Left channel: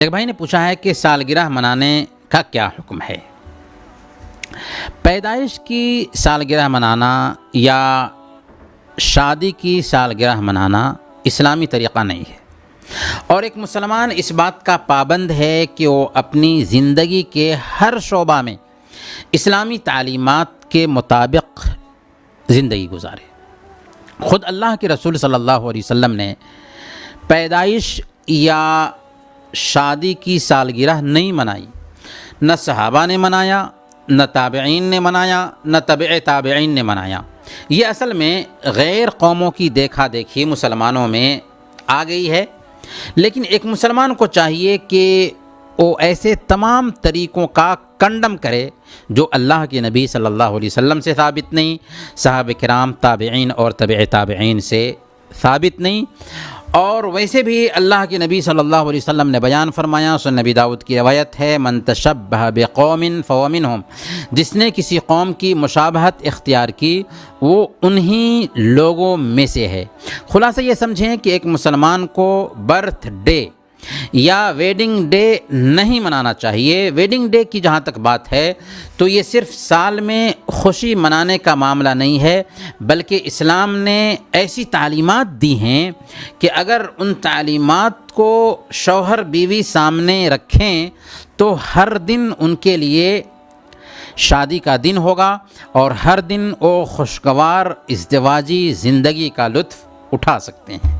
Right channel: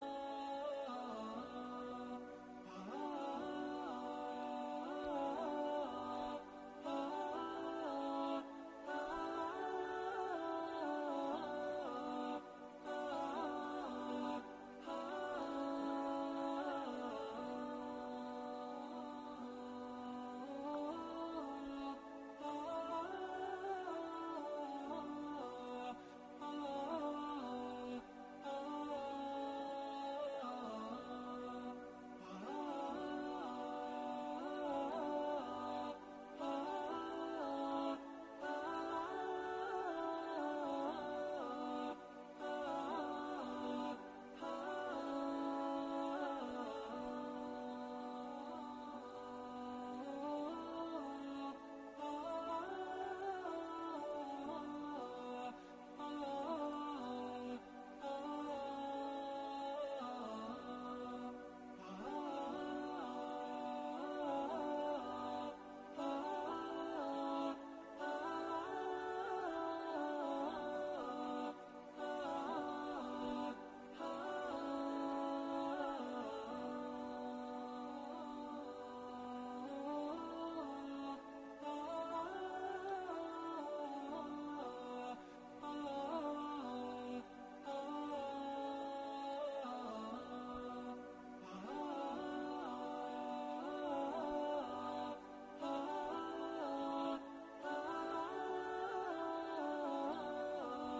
ایک بھائی نے پوچھا ہے کہ سالگرہ منانے کا کیا حکم ہے؟ پیدائش کی سالگرہ منانا یا شادی کی سالگرہ منانا اسلامی طریقہ نہیں ہے، اور ایک مسلمان اس بات کا پابند ہے کہ وہ اپنی زندگی کے ہر شعبہ میں اسلامی تعلیمات کے مطابق زندگی گزارے۔ خود اللہ کے رسول صلی اللہ علیہ وسلم نے پیدائش یا شادی کی سالگرہ نہیں منائی، نہ صحابہ نے منایا، نہ تابعین نے منایا، نہ تبع تابعین نے منایا۔ یہ اصل میں غیر قوموں کی دیکھا دیکھی مسلمانوں میں آ گئی ہے، لیکن ایک مسلمان کو چاہیے کہ وہ ایسے تمام طریقوں کا کنڈم کرے جو اللہ کے نبی صلی اللہ علیہ وسلم سے ثابت نہیں، صحابہ کرام، تابعین اور تبع تابعین سے ثابت نہیں۔ اور ویسے بھی اللہ کے نبی صلی اللہ علیہ وسلم نے بیان فرمایا، سنن نبی داؤد کی روایت ہے، من تشبہ بقوم فہو منہم، جس نے کسی قوم کی مشابہت اختیار کی وہ انہی لوگوں میں سے ہے۔ خلاصہ یہ سمجھیں کہ ایک مسلمان کو برتھ ڈے یا ویڈنگ ڈے نہیں منانا چاہیے۔ ویڈنگ ڈے کی جہاں تک بات ہے تو یہ صرف سال میں خوشی منانے کا معاملہ نہیں ہے، بلکہ اسلام نے ایسی تعلیمات دی ہیں کہ اگر ان تعلیمات کو شوہر بیوی سامنے رکھیں تو ہر دن ان کے لیے شادی کا دن ہوگا اور ہر دن وہ خوشگوار ازدواجی زندگی کا لطف اٹھا سکتے ہیں۔